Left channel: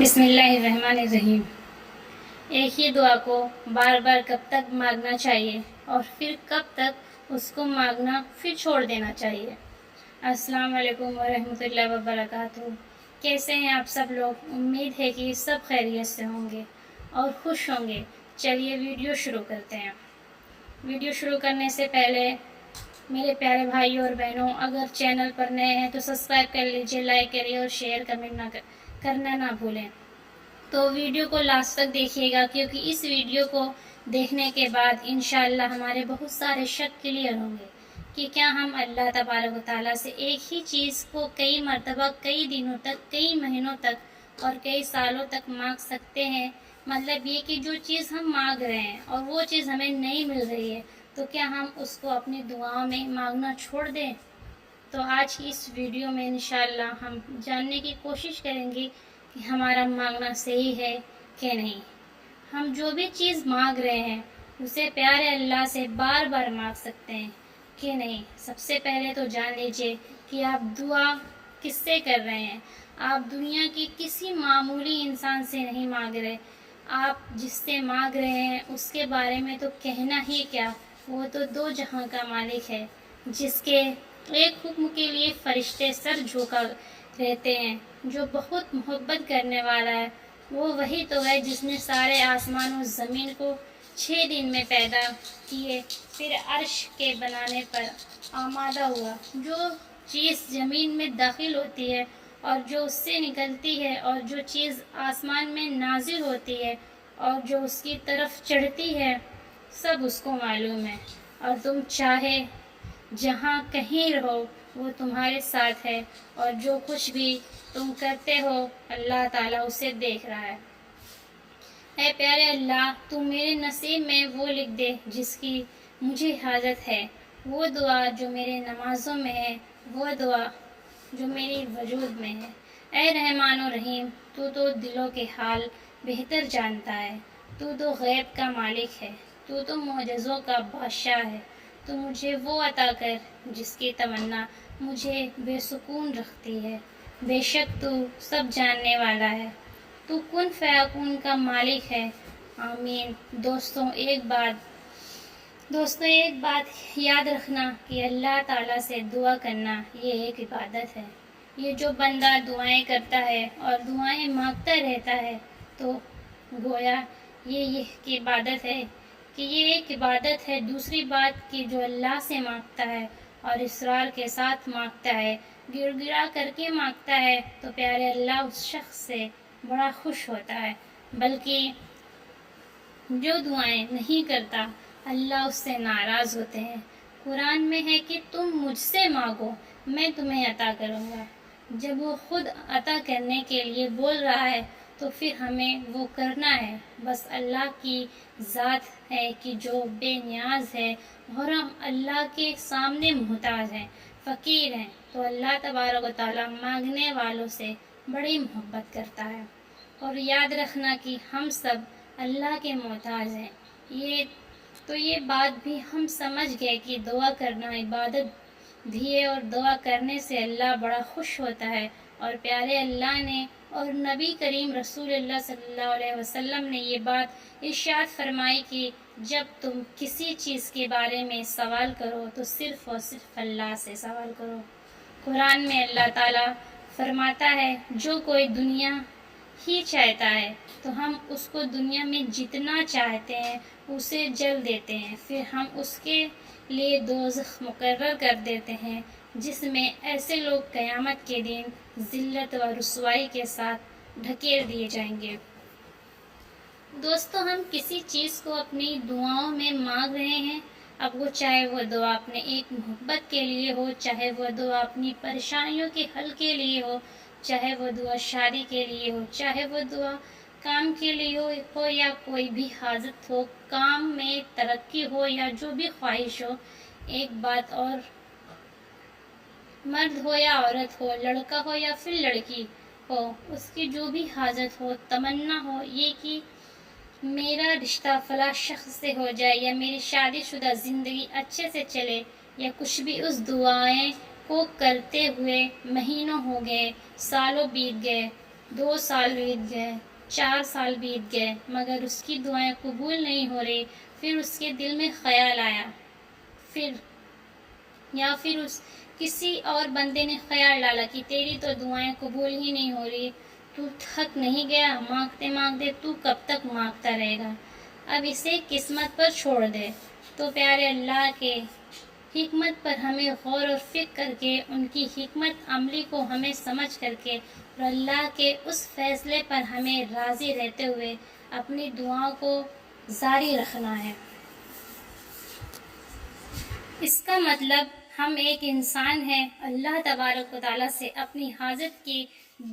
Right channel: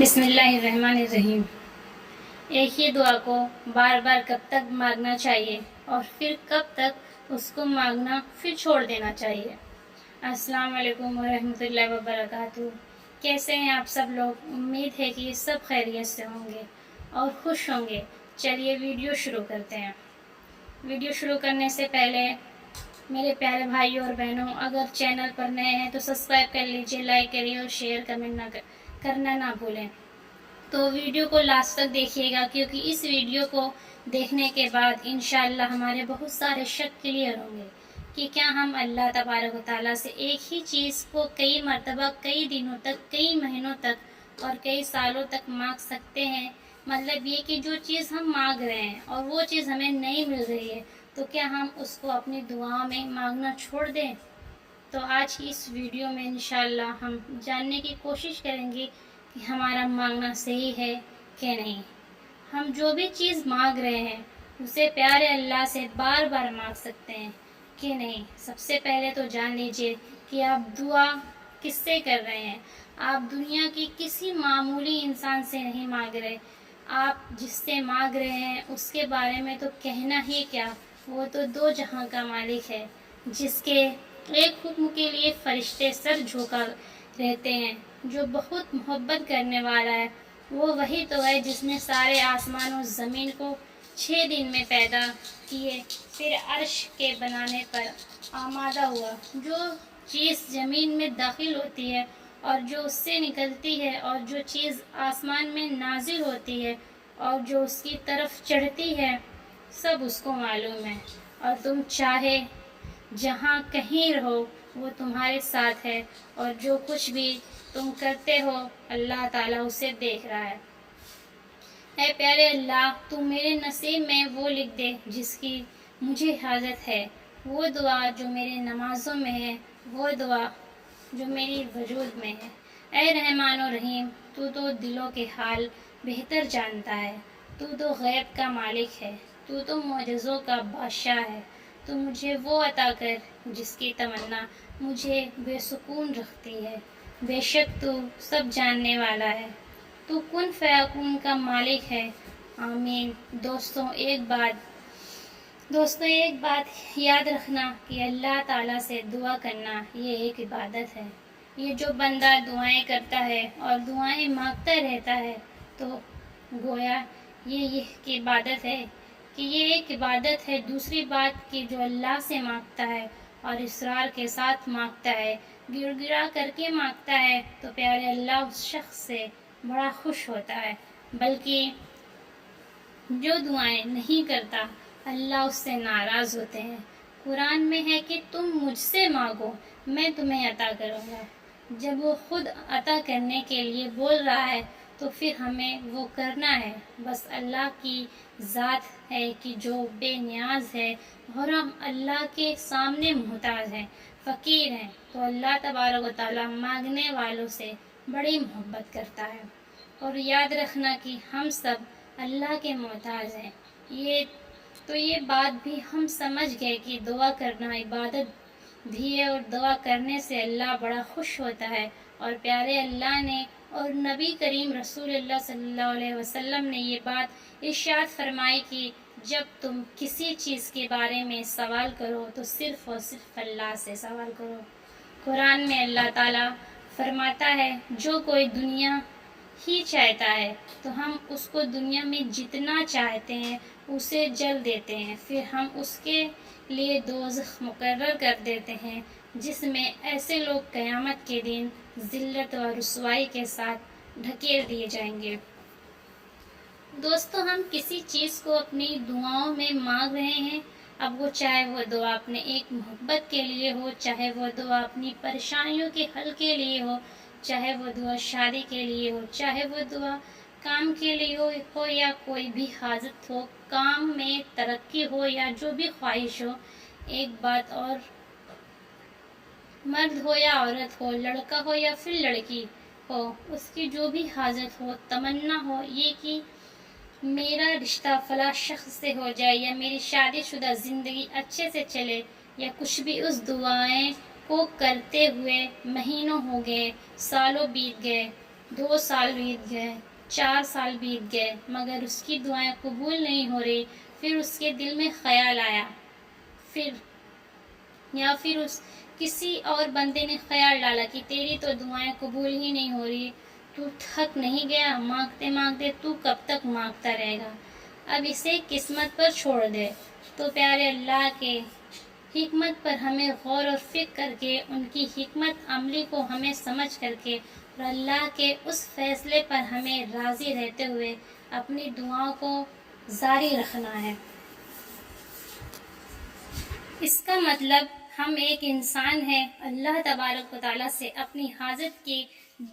بسم اللہ الرحمن الرحیم۔ ایک ہی دعا کو بار بار کب تک مانگنا چاہیے اور پھر کب تک اس کو مانگنا پھر چھوڑ دینا چاہیے؟ السلام علیکم ورحمۃ اللہ وبرکاتہ۔ کیسے ہیں آپ سب لوگ؟ امید ہے کہ سب خیریت سے ہوں گے اور خوش ہوں گے۔ چلیے ویڈیو شروع کرتے ہیں۔ ویڈیو شروع کرنے سے پہلے میرے پیارے بھائیوں اور بہنوں، اگر چینل پر نئے ہیں تو سبسکرائب کر لیجئے، لائک کریے اور شیئر کمنٹ کرنا نہ بھولیں۔ تو ویڈیو کو لاسٹ تک دیکھیے گا، کیونکہ اس ویڈیو کو دیکھنے کے بعد انشاءاللہ ہمارے بہت سارے شک کلیئر ہوں گے کہ کیا ہم اللہ تبارک و تعالیٰ سے ایک ہی چیز کو کئی مرتبہ، کئی دنوں تک، کئی مہینوں تک اور کئی سالوں تک مانگ سکتے ہیں۔ مطلب یہ کہ جو چیز ہم مانگ رہے ہیں اور وہ چیز ہمیں نہیں مل رہی ہے تو کیا ہم اس کو اپنی دعاؤں میں مانگنا چھوڑ دیں؟ تو آج کی اس ویڈیو میں انشاءاللہ ہم جاننے کی کوشش کریں گے کہ ہمارا مانگنا صحیح ہے کہ نہیں۔ ہم جو بھی چیز مانگ رہے ہیں اسے پیارے اللہ سے بار بار مانگ سکتے ہیں کہ نہیں۔ سب سے پہلے تو جان لیجئے کہ آپ دعا کس سے کر رہے ہیں۔ آپ دنیا کی کسی معمولی انسان سے نہیں مانگ رہے۔ آپ جس سے مانگ رہے ہیں اس کے بارے میں تو کہنا ہی کیا، وہ تو دو جہاں کا مالک ہے، جس کے ایک حکم کے لیے فرشتے سر جھکا رہتے ہیں، جو بہت محبت کرنے والا ہے۔ وہ وہی تو ہے جس نے سارے آسمان و زمین کو 6 دن میں پیدا کیے، پھر عرش کے بنانے پر آمادہ ہوا۔ جو چیز زمین میں داخل ہوتی ہے اور جو اس سے نکلتی ہے، اور جو چیز آسمان میں نازل ہوتی ہے اور جو اس کی طرف چڑھتی ہے، سب اس کو معلوم ہے۔ اور تم چاہے جہاں کہیں رہو وہ تمہارے ساتھ ہے، اور جو کچھ بھی تم کرتے ہو اللہ تعالیٰ اسے دیکھ رہا ہے۔ اے پیارے اللہ، تو میرے نصیب میں وہ لکھ دے جس کی مجھے حاجت ہے، وہ دعا جو میرے نمازوں میں ہے، وہ دعا جو میری وجود میں ہے۔ اے رحمان و رحیم، تو دلوں کے حال بہتر جانتا ہے، تو غیب کا مالک ہے، تو معجزوں کا بادشاہ ہے۔ تو مجھے وہ عطا کر جس کی تمنا مجھے بے سکون رکھتی ہے۔ بے شک تو سب جاننے والا ہے، تو کن فیکون کا مالک ہے۔ آمین۔ دوستوں ایک بات یاد رکھنا کہ اللہ تعالیٰ سے دعا کرنا یہ ایک عبادت ہے۔ یہ جو بندہ دعائیں کرتا ہے اور دعائیں مانگتا رہتا ہے تو گویا یہ ایک عبادت ہے کہ یہ ایک عبادت ہے۔ دوسری بات کہ جو اللہ سے مانگتا ہے اور اصرار کے ساتھ مانگتا ہے، گڑ گڑا کر کے مانگتا ہے، تو پیارے اللہ اس شخص سے بڑا خوش ہوتا ہے۔ بلکہ جو دعائیں نہیں کرتا اللہ اس سے ناراض ہوتے ہیں۔ قرآن میں ہے کہ تم مجھ سے مانگو میں تمہیں عطا کروں گا۔ جب وہ خود عطا کرنے کے لیے بول رہا ہے تو پھر ہمیں وہ کرنا ہے۔ بس اللہ کی ذات ہے کہ جو بے نیاز ہے اور ہم اللہ کے سامنے محتاج ہیں، فقیر ہیں، تو اللہ تبارک و تعالیٰ مانگنے والوں سے بڑی محبت کرتا ہے۔ اور یاد رکھنا کہ ہم سب اللہ کے محتاج ہیں۔ یہ بات بھی ہم سمجھ گئے کہ دعا کرنا عبادت بھی ہے، اور دعا کرنے سے اللہ بڑا خوش ہوتا ہے۔ اور پیارے اللہ نے اور نبی کریم رسول اللہ صلی اللہ علیہ وسلم نے یہ بات ارشاد فرمائی کہ جب تم کسی چیز کے بارے میں سوال کرو تو صرف اور صرف اللہ سے سوال کرو۔ قرآن میں اللہ تعالیٰ فرماتا ہے جو کوئی دنیا ہی چاہتا ہے تو ہم اس کو دنیا میں جتنا چاہتے ہیں اسے جل دیتے ہیں، پھر ہم اس کے لیے دوزخ مقرر کر دیتے ہیں جس میں ایسے لوگ قیامت کے دن ذلت و رسوائی کے ساتھ ڈھکیل دیے جائیں گے۔ دوستو ہم کسی چیز کو اپنی دعاؤں میں مانگ رہے ہیں، اب وہ چاہے وہ دعا اپنے ایک محبت کے لیے ہو، چاہے وہ دعا اپنی پریشانیوں کے حل کے لیے ہو، چاہے وہ دعا شادی کے لیے ہو، چاہے وہ دعا کام کے لیے ہو یا کوئی بھی حاجت ہو، کام میں ترقی ہو یا جو بھی خواہش ہو۔ ایک بات اور، مرد ہو یا عورت ہو، لڑکا ہو یا پھر لڑکی ہو، اس کی جو بھی حاجت ہو، تمنا ہو یہ کہ میرا رشتہ فلاں شخص سے ہو جائے یا میری شادی شدہ زندگی اچھے سے چلے یا کچھ بھی، اس دعائیں کو کرتے ہوئے مہینوں ہو گئے، سالوں بیت گئے، 2 سال بیت گئے، 4 سال بیت گئے، مگر اس کی دعائیں قبول نہیں ہو رہی۔ پھر اس کے دل میں خیال آیا، پھر کسی اور بندے نے خیال ڈالا کہ تیری تو دعائیں قبول ہی نہیں ہو رہی، تو تھک نہیں گیا؟ مانگتے مانگتے تو کب تک مانگتا رہے گا؟ اب اسے قسمت پر چھوڑ دے۔ تو پیارے اللہ کے حکمت پر ہمیں غور و فکر کر کے، ان کی حکمت عملی کو ہمیں سمجھ کر کے، اور اللہ کے اس فیصلے پر ہمیں راضی رہتے ہوئے اپنی دعاؤں کو جاری رکھنا ہے۔ اس کا مطلب ہم ایک انسان ہیں، اللہ تبارک و تعالیٰ سے اپنی حاجت کی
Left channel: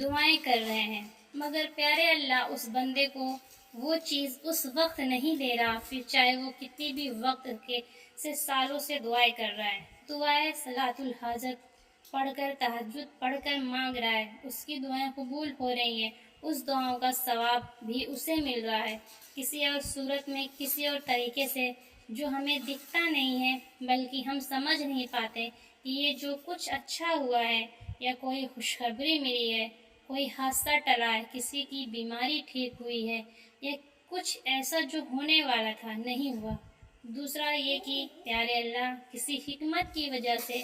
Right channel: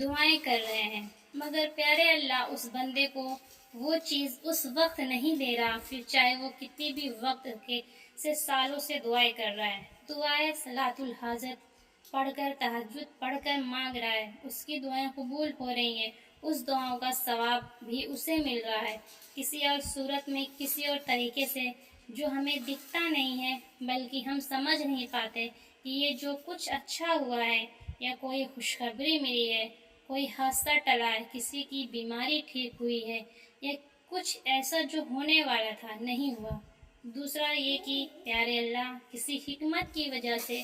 دعائیں کر رہے ہیں، مگر پیارے اللہ اس بندے کو وہ چیز اس وقت نہیں دے رہا، پھر چاہے وہ کتنی بھی وقت سے سالوں سے دعائیں کر رہا ہے، دعائیں صلاۃ الحاجت پڑھ کر، تہجد پڑھ کر مانگ رہا ہے، اس کی دعائیں قبول ہو رہی ہیں، اس دعاؤں کا ثواب بھی اسے مل رہا ہے، کسی اور صورت میں، کسی اور طریقے سے جو ہمیں دکھتا نہیں ہے، بلکہ ہم سمجھ نہیں پاتے کہ یہ جو کچھ اچھا ہوا ہے، یا کوئی خوشخبری ملی ہے، کوئی حادثہ ٹلا ہے، کسی کی بیماری ٹھیک ہوئی ہے، یا کچھ ایسا جو ہونے والا تھا نہیں ہوا۔ دوسرا یہ کہ پیارے اللہ کسی حکمت کی وجہ سے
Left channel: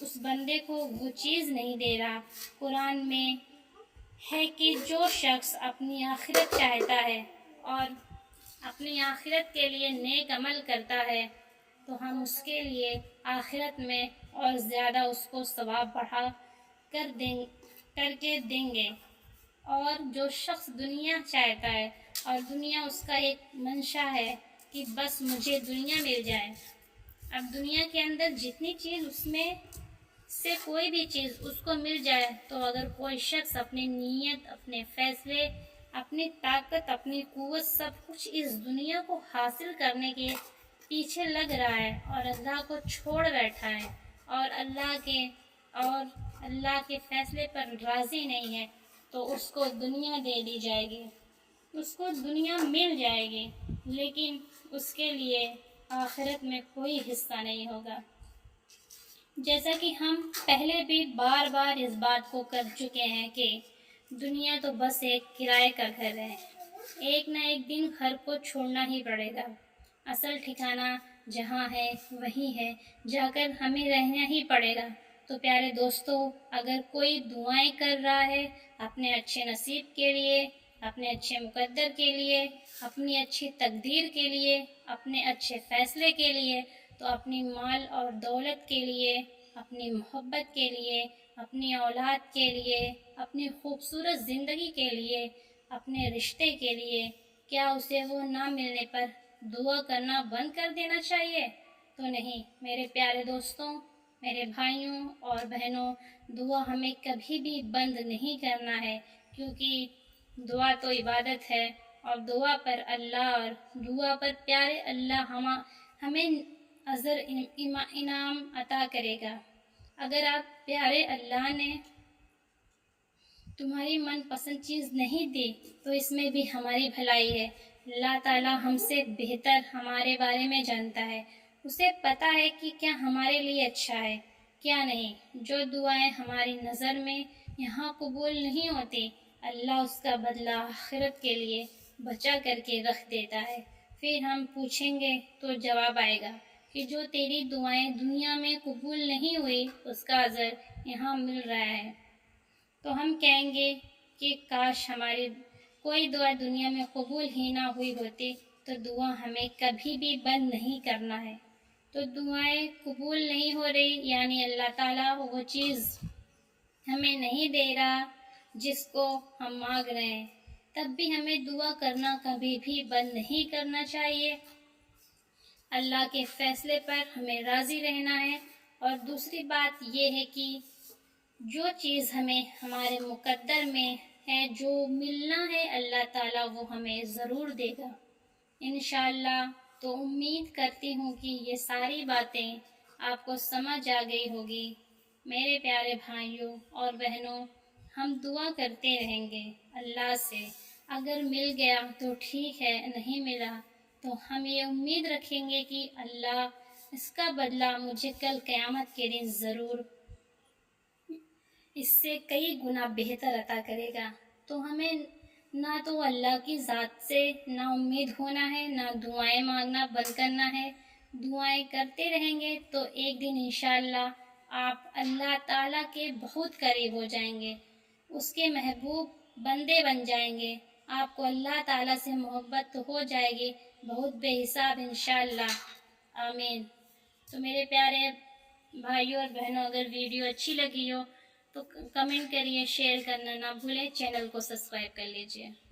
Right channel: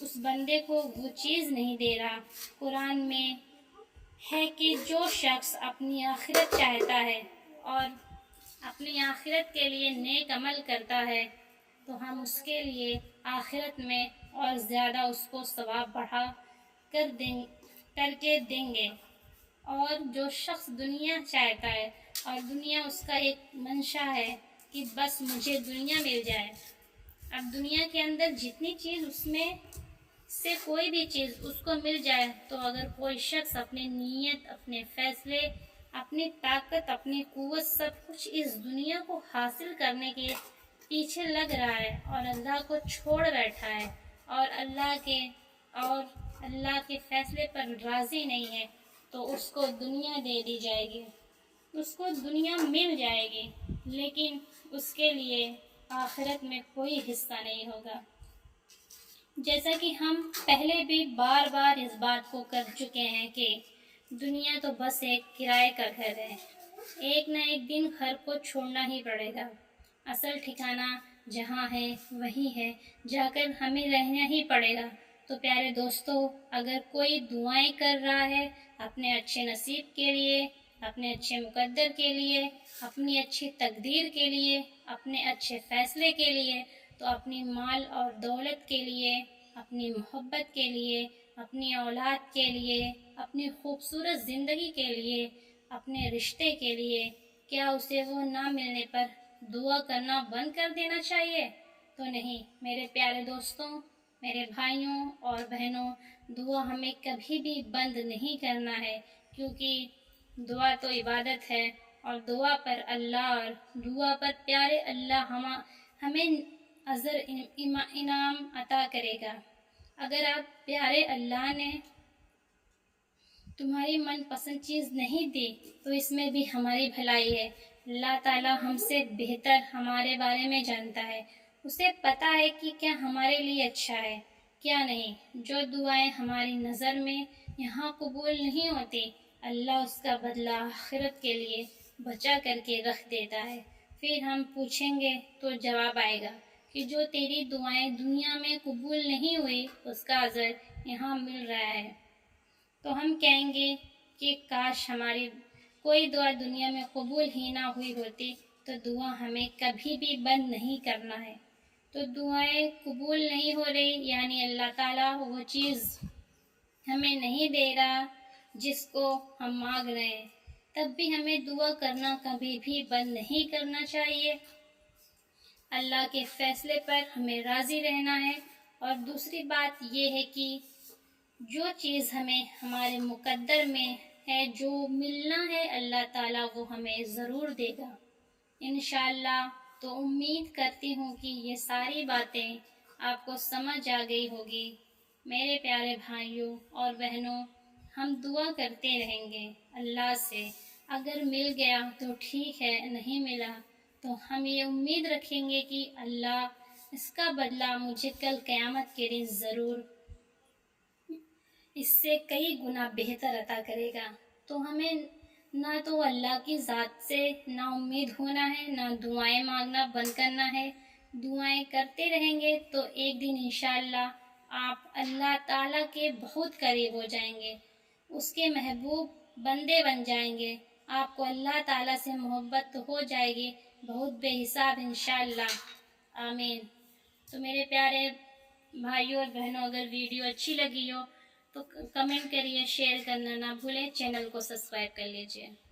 اس بندے کو وہ چیز نہیں دے رہا۔ قرآن میں ہے کہ جو شخص اپنی آخرت چاہتا ہے اور اپنی آخرت کے لیے نیک عمل کرتا ہے، تو ہم اس کے لیے آخرت میں اور زیادہ اس کو ثواب بڑھا کر کے دیں گے۔ اور جو شخص دنیا چاہتا ہے اور دنیا اس کا ایک منشا ہے کہ بس مجھے دنیا مل جائے، اب دنیا کے اندر جتنی چیز اس میں سے کوئی بھی چیز اس کو مل جائے، تو اگر کوئی شخص اپنی نیت، اپنے فیصلے، اپنی طاقت، اپنی قوت سب کچھ اس دنیا کو حاصل کرنے کے پیچھے لگ رہا ہے اور اللہ کو چھوڑ بیٹھا ہے، اور اللہ کے فیصلے پر راضی نہیں ہے، تو اس کو دنیا دے دی جائے گی، اس کو دنیا مل جائے گی، لیکن اس کے لیے آخرت میں کوئی حصہ نہیں ہوگا۔ جیسا کہ ہم پہلے بھی بار بار اس بات کو کر چکے ہیں کہ دنیا تو بس ایک کرائے کا گھر ہے، ایک نہ ایک دن گھر کو چھوڑنا ہی پڑے گا، اصل ٹھکانہ جہاں ہے وہی ہے، جا کر ہمیں رہنا ہی پڑے گا۔ تو پیارے دوستو، اگر کوئی دعائیں کر رہا ہے اپنے اچھے نصیب کے لیے، اپنے اچھے مقدر کے لیے، اپنی اچھی تقدیر کے لیے، اپنے اچھے فیصلے کے لیے، تو اپنی مال اور دولت کے لیے، اپنی محبت کے لیے، اپنی اولاد کے لیے، اپنی خوبصورت زندگی کے لیے، اپنے رشتے کے لیے، کیا اسے وہ نہ ملنے پر دعا کرنا بند کر دینا چاہیے؟ تو نہیں میرے پیارے دوستوں، میرے بھائیوں اور بہنوں، دعا ہمیں کبھی بھی بند نہیں کرنا ہے، کیونکہ دعا تو عبادت ہے، اور دعا پر اللہ اور دعا پر پیارے اللہ ہمیں اجر انعام عطا کرے گا۔ اگر آپ پیارے اللہ نے تمہاری من پسند چیز نہیں دی تو اس میں بھی ہماری بھلائی ہے۔ اللہ تعالیٰ ہم سے بہتر ہمارے بارے میں جانتا ہے، اسے پتہ ہے کہ کیا ہمارے لیے اچھا ہے، کیا نہیں۔ جو دعائیں ہماری نظر میں یہاں قبول نہیں ہوتی، اللہ اس کا بدلہ آخرت کے لیے بچا کر کے رکھ دیتا ہے۔ پھر ہم پوچھیں گے تو جواب آئے گا کہ جو تیری دعائیں دنیا میں قبول نہیں ہوئی، اس کا اجر یہاں مل رہا ہے۔ تو ہم کہیں گے کہ کاش ہماری کوئی دعا دنیا میں قبول ہی نہ ہوئی ہوتی، تو دعا ہمیں کبھی بھی بند نہیں کرنا ہے۔ تو دعائیں قبول نہیں ہو رہی، یعنی اللہ تعالیٰ وہ چیز ہمیں نہیں دے رہا جس کو ہم مانگ رہے ہیں، تب بھی ہمیں دعا کرنا کبھی بھی بند نہیں کرنا چاہیے۔ اللہ کے فیصلے پر ہمیں راضی رہنا ہے، اور دوسری بات یہ ہے کہ جو چیز ہمیں ہمارے مقدر میں ہے، جو ملنا ہے اللہ تعالیٰ وہ ہمیں ضرور دے گا انشاءاللہ۔ تو امید کرتی ہوں کہ یہ ساری باتیں آپ کو سمجھ آ گئی ہوگی۔ میرے پیارے بھائیوں اور بہنوں، ہم دعا کرتے رہیں گے اللہ سے، اگر مل گیا تو ٹھیک ہے، نہیں ملا تو ہم یہ امید رکھیں گے کہ اللہ اس کا بدلہ مجھے کل قیامت کے دن ضرور اس سے کئی گنا بہتر عطا کرے گا۔ تو ہمیں نہ تو اللہ کی ذات سے نا امید ہونا ہے، نہ دعائیں مانگنا بند کرنا ہے۔ دعائیں کرتے رہیں گے تو ایک دن انشاءاللہ آپ اللہ تعالیٰ کے بہت قریب ہو جائیں گے، اس کے محبوب بندے بن جائیں گے، آپ کو اللہ تعالیٰ سے محبت تو ہو جائے گی بہت بے حساب انشاءاللہ، آمین۔ تو میرے پیارے بھائیوں اور بہنوں، اگر ویڈیو اچھی لگی ہو تو کمنٹ کریے، شیئر کرنا نہ بھولیں، چینل کو سبسکرائب کر لیجئے۔